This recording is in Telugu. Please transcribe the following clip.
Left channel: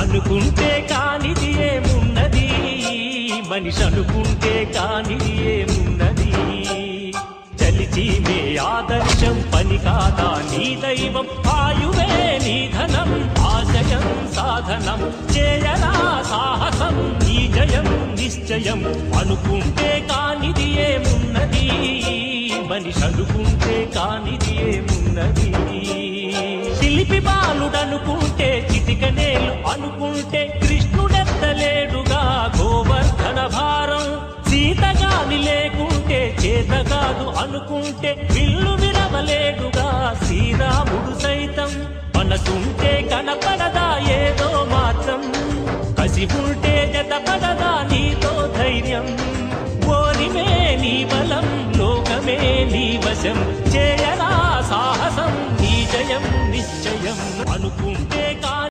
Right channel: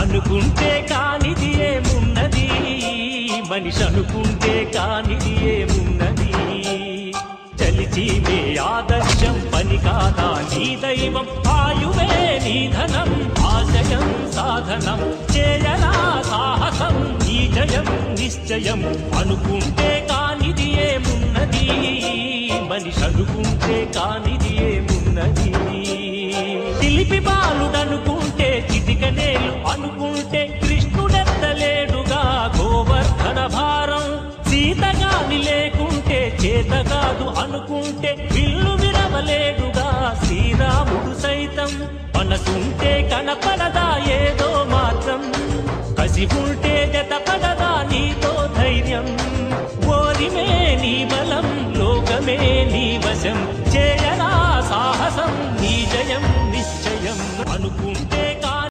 అనుకుంటే కానిది ఏమున్నది, మనిషి అనుకుంటే కానిది ఏమున్నది. చలిచి మే ఆదర్శం పని కాదా నీ దైవం, ఆయువే నీ ధనం ఆశయం సాధనం. చేయరా సాహసం ఈ జయం నిశ్చయం, అనుకుంటే కానిది ఏమున్నది, మనిషి అనుకుంటే కానిది ఏమున్నది. శిల్పి బాలుడనుకుంటే చిటికనేలు అనుకుంటే కృష్ణుడెత్తలేడుగా గోవర్ధన భారం. సీతగాని లేకుంటే చేత కాదు అనుకుంటే విల్లు విరవలేడుగా శ్రీరాముడు సైతం. మనసుంటే కనపడదా ఏదో మాత్రం, కసి ఉంటే